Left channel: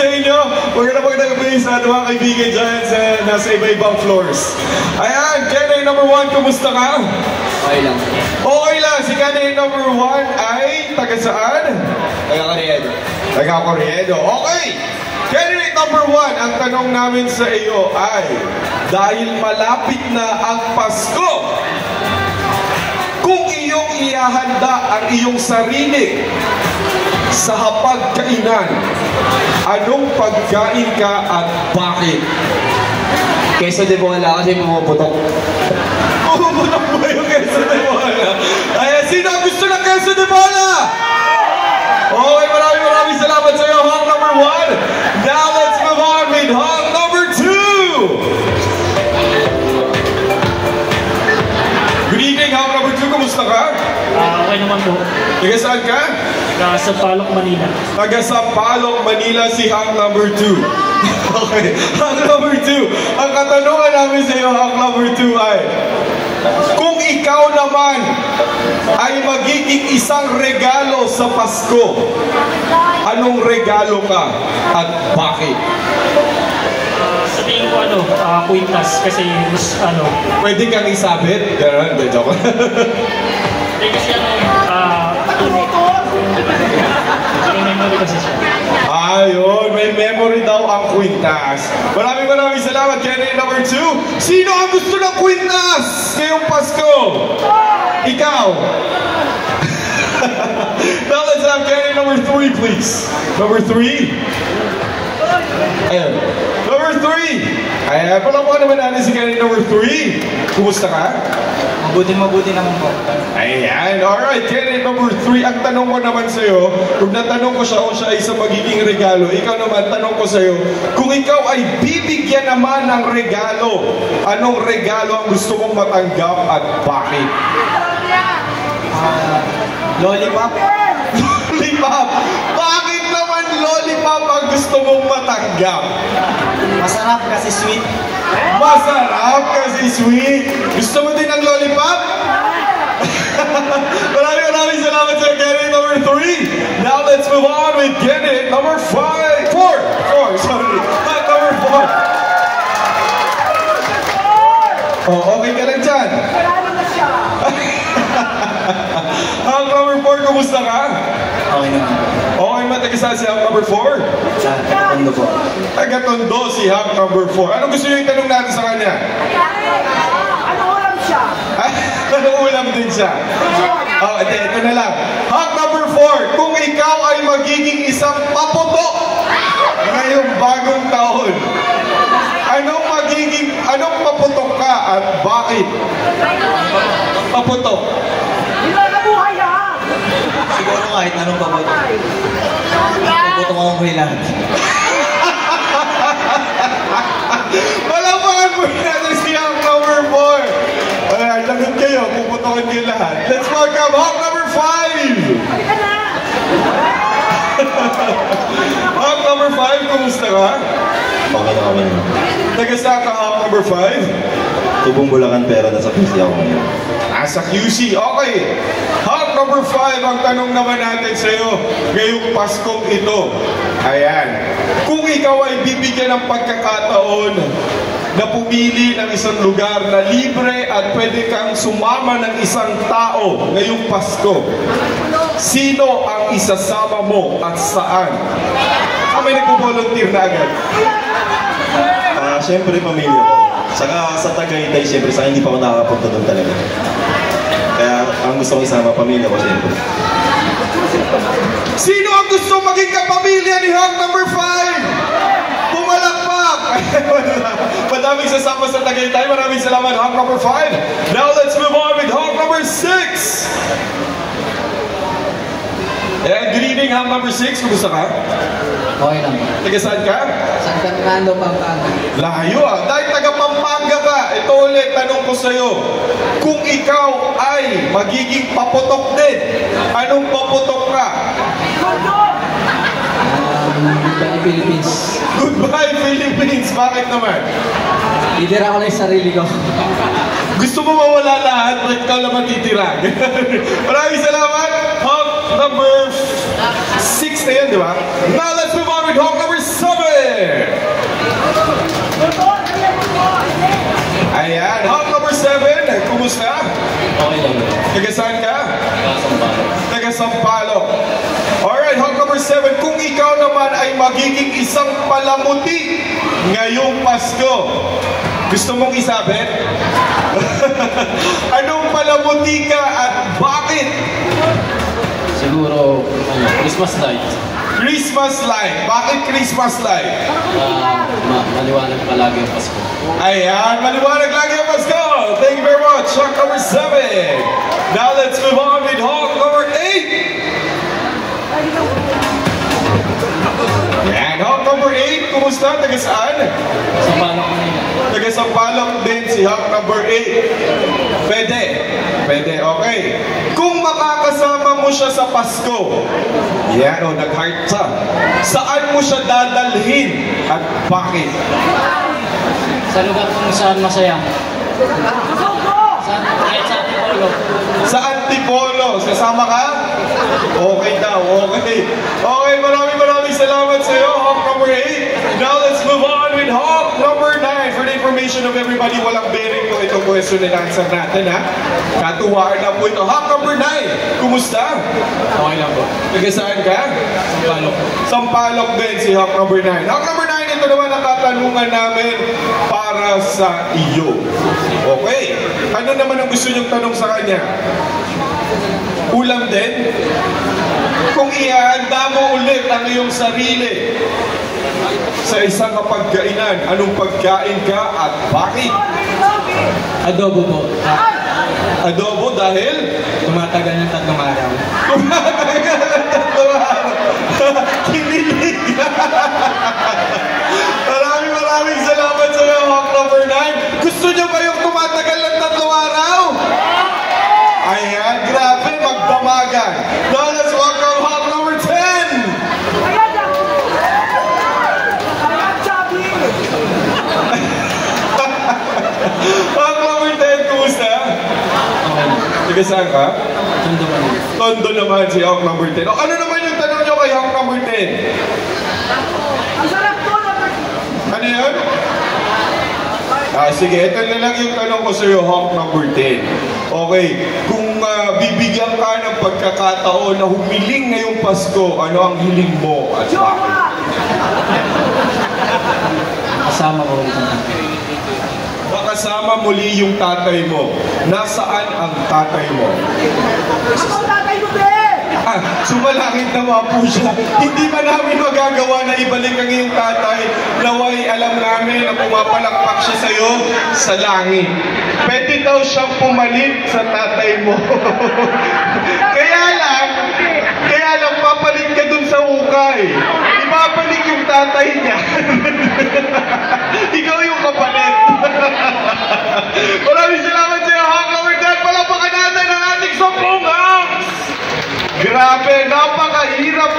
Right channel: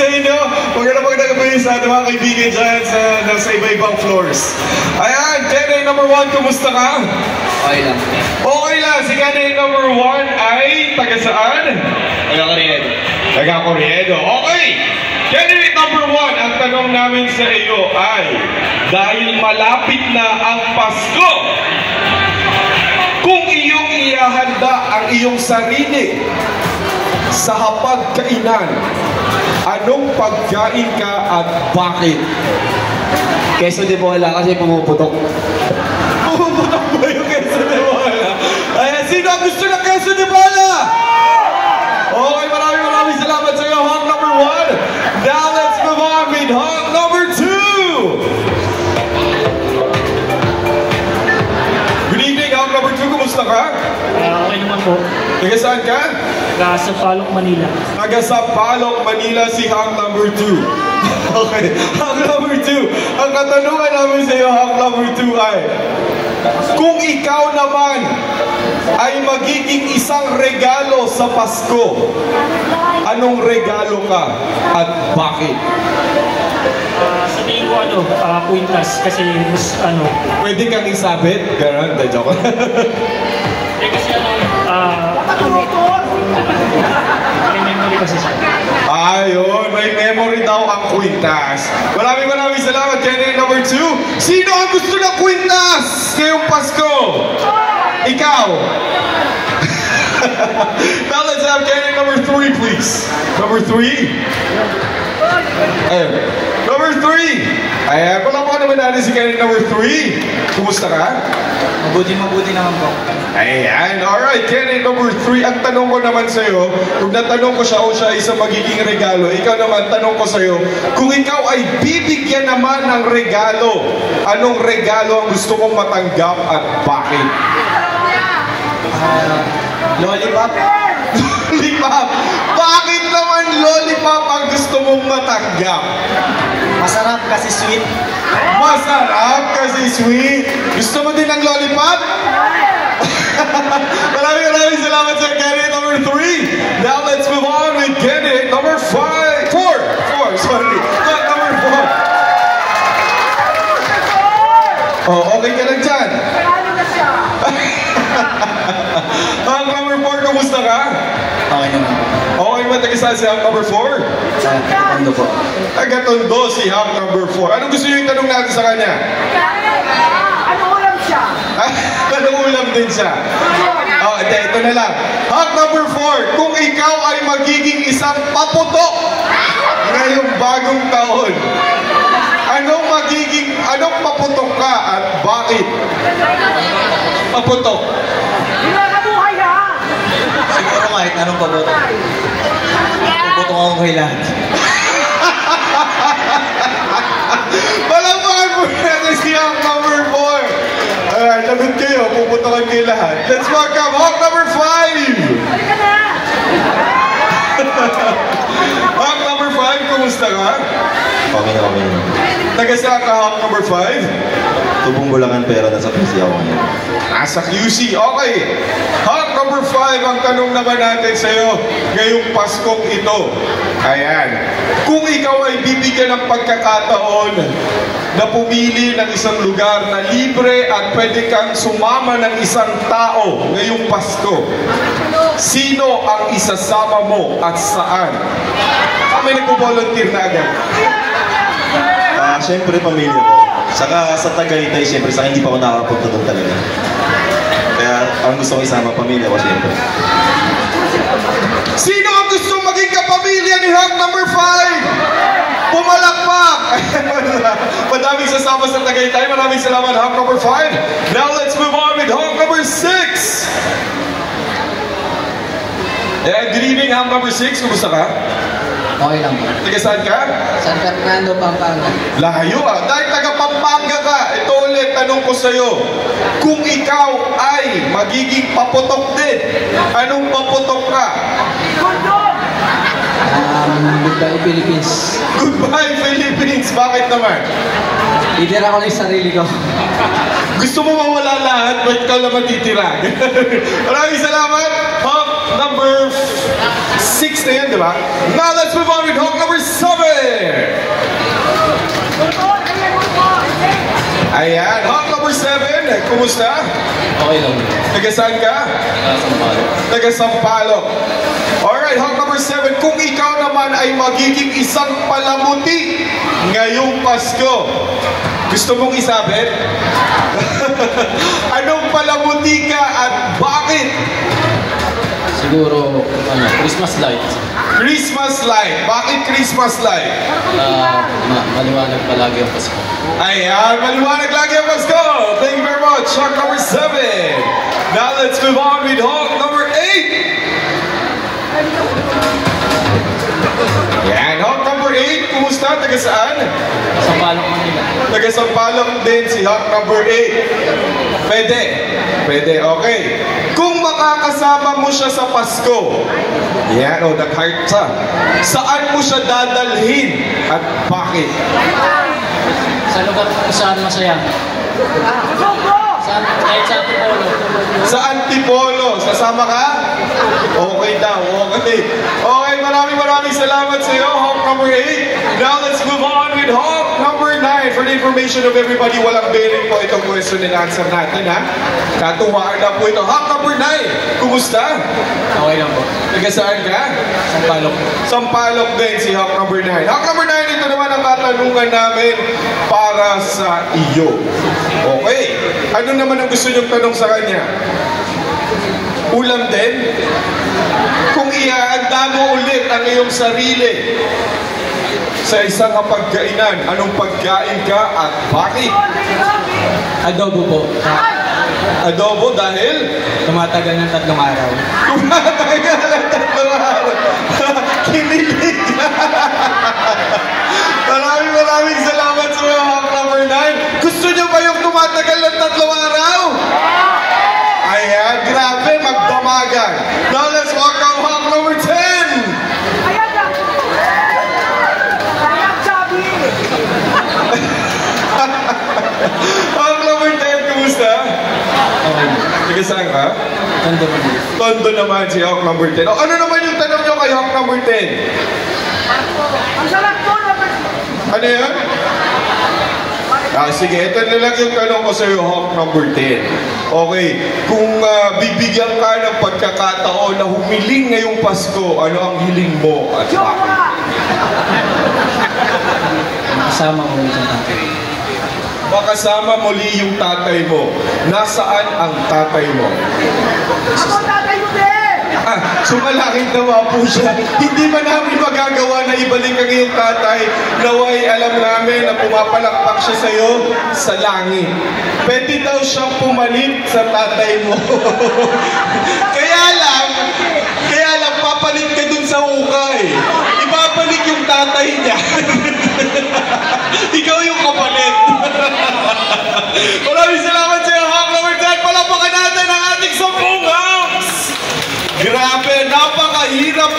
sa inyo. Magandang gabi sa ating mga kaibigan dyan sa nasa iba-ibang floors. Ayan, Kenny number 1, kumusta ka? Okay lang. Okay lang, si Kenny number 1 ay taga saan? Taga Corriedo. Taga Corriedo, okay! Kenny number 1, ang tanong namin sa iyo ay, dahil malapit na ang Pasko, kung iyong ihahanda ang iyong sarili sa hapagkainan, anong pagkain ka at bakit? Queso de bola kasi pumuputok. Pumuputok ba yung queso de bola? Ayan, sino ang gusto ng queso de bola? Okay, maraming salamat sa iyo, Hawk number 1. Now let's move on with Hawk number 2. Good evening, Hawk number 2. Kumusta ka? Okay naman po. Taga saan ka? Taga Sampaloc, Manila. Taga Sampaloc, Manila, si Hawk number 2. Okay, Hawk number 2. Ang katanungan namin sa iyo, Hawk number 2 ay, kung ikaw naman ay magiging isang regalo sa Pasko, anong regalo ka at bakit? Sabihin ko Quintas kasi Pwede kang isabit? Ganon, the joke. kasi may memory kasi siya. Ayun, may memory daw ang Quintas. Maraming salamat, Kenny number 2. Sino ang gusto ng Quintas ngayong Pasko? Ikaw. Now let's have Kenny number 3, please. Number 3. Ayun. Number 3. Ayan, palamukan naman natin si Kenny number 3. Kumusta ka? Mabuti naman po. Ayan, alright, Kenny number 3. Ang tanong ko naman sa'yo, kung natanong ko siya o siya isang magiging regalo, ikaw naman, tanong ko sa'yo, kung ikaw ay bibigyan naman ng regalo, anong regalo ang gusto mong matanggap at bakit? Lollipop? Lollipop! Bakit naman lollipop ang gusto mong matanggap? Masarap kasi sweet. Masarap kasi sweet. Gusto mo din ng lollipop? Maraming salamat sa Kenny number 3. Now let's move on with Kenny number 4. Sorry. Number 4. Oh, okay ka lang dyan. Ang number 4, kumusta ka? Okay naman po. Okay ba taga si Hawk number 4? Ano po? Taga-Tondo si Hawk number 4. Anong gusto niyo itanong natin sa kanya? Ano ulam siya? Anong ulam din siya? Oh, ito na lang. Hawk number 4, kung ikaw ay magiging isang paputok ngayong bagong taon, anong paputok ka at bakit? Paputok. Hinakabuhay ha! Siguro kahit anong paputok. Paputok akong kay lahat. Palampakan po natin si Hawk number 4. Ayan, lagot kayo, puputokan kayo lahat. Let's welcome Hawk number 5. Halika na! Hawk number 5, kumusta ka? Okay naman. Taga saan ka, Hawk number 5? Tubong Bulacan pero nasa PC ako ngayon. Nasa QC, okay. Hawk number 5, ang tanong naman natin sa'yo ngayong Paskong ito. Ayan. Kung ikaw ay bibigyan ng pagkakataon na pumili ng isang lugar na libre at pwede kang sumama ng isang tao ngayong Pasko, sino ang isasama mo at saan? Kami nagpo-volunteer na agad. Siyempre pamilya ko. Saka sa Tagaytay, siyempre, saka hindi pa ako nakapunta doon talaga. Kaya ang gusto ko isama, pamilya ko siyempre. Sino ang gusto maging kapamilya ni Hawk number 5? Pumalakpak! Madaming sasama sa Tagaytay. Maraming salamat, Hawk number 5. Now let's move on with Hawk number 6. Ayan, good evening, Hawk number 6. Kumusta ka? Okay lang. Taga saan ka? San Fernando, Pampanga. Layo ah. Dahil taga Pampanga ka, ito ulit, tanong ko sa'yo. Kung ikaw ay magiging paputok din, anong paputok ka? Goodbye Philippines. Goodbye, Philippines! Bakit naman? Leader ako ng sarili ko. Gusto mo mawala lahat, ba't ka naman titira? Maraming salamat! Hawk number 6 na yan, di ba? Now let's move on with Hawk number 7! kumusta? Okay lang. Taga saan ka? Sampalo. Taga Sampaloc. Alright, hawk number 7. Kung ikaw naman ay magiging isang palamuti ngayong Pasko, gusto mong isabit? Anong palamuti ka at bakit? Siguro, Christmas lights. Christmas light. Bakit Christmas light? Maliwanag palagi ang Pasko. Ayan, maliwanag lagi ang Pasko. Thank you very much. Hawk number 7. Now let's move on with hawk number 8. Yan, hawk number 8. Kumusta? Taga saan? Sampalo, Manila. Taga Sampaloc din si hawk number 8. Pwede. Pwede, okay. Kung makakasama mo siya sa Pasko, yan o, nag-heart siya. Saan mo siya dadalhin at bakit? Sa lugar kung saan masaya. Sa Antipolo. Sa Antipolo, sasama ka? Okay daw, okay. Okay, maraming salamat sa iyo, hawk number 8. Now let's move on with hawk number 9. For the information of everybody, walang bearing po itong question and answer natin, ha? Katuwaan na po ito. Hawk number 9, kumusta? Okay lang po. Taga saan ka? Sampalo. Sampaloc din si hawk number 9. Hawk number 9, ito naman ang katanungan namin para sa iyo. Okay. Ano naman ang gusto niyong tanong sa kanya? Ulam din? Kung ihahanda mo ulit ang iyong sarili sa isang kapagkainan, anong pagkain ka at bakit? Adobo po. Adobo dahil? Tumatagal ng 3 araw. Tumatagal ng 3 araw. Kinilig. Maraming salamat sa iyo, hawk number 9. Gusto niyo ba yung tumatagal ng 3 araw? Ayan, grabe, magdamagan. Now let's welcome hawk number 10. Ayan, Chubby. Hawk number 10, kumusta? Okay. Tiga saan ka? Tondo, Manila. Tondo naman si hawk number 10. O, ano naman yung tanong niyo kay hawk number 10? Ang sarap po na. Ano yan? Sige, ito na lang yung tanong ko sa iyo, hawk number 10. Okay, kung bibigyan ka ng pagkakataon na humiling ngayong Pasko, ano ang hiling mo at bakit? Jowa! Kasama ko ulit ang tatay. Makasama muli yung tatay mo. Nasaan ang tatay mo? Ako tatay mo, be! Sumalakit naman po siya. Hindi man namin magagawa na ibalik ang iyong tatay. Naway alam namin na pumapalakpak siya sa iyo sa langit. Pwede daw siyang pumalit sa tatay mo. kaya lang papalit ka dun sa ukay. Ibabalik yung tatay niya. Ikaw yung kapalit. Maraming salamat sa iyo, hawk number 10. Palapakan natin ang ating 10 hawks. Grabe, napakahirap